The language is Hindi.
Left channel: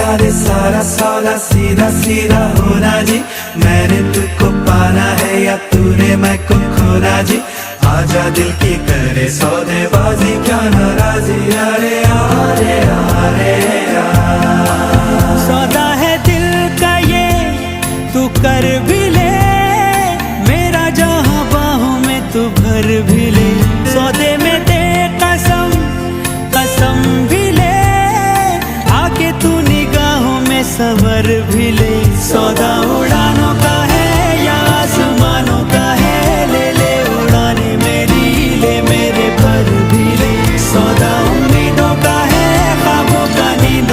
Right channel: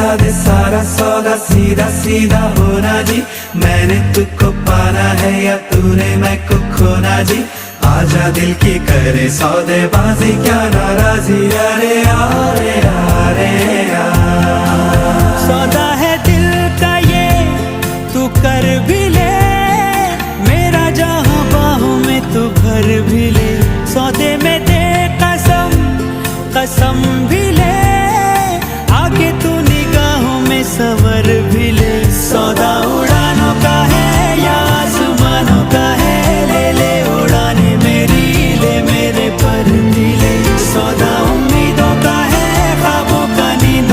बता दे सारा सौदा सीधा सीधा होना जी। मैंने तुझको पाना है या तूने मैं को खोना जी। आजा दिल की करे सौदेबाजी क्या नाराजी। अरे अरे अरे सौदा है दिल का ये तू कर भी ले, मेरा जहां बाहों में तू भर भी ले। सौदे में दे कसम कसम भी ले, आके तू निगाहों में सवर भी ले। सौदा उड़ा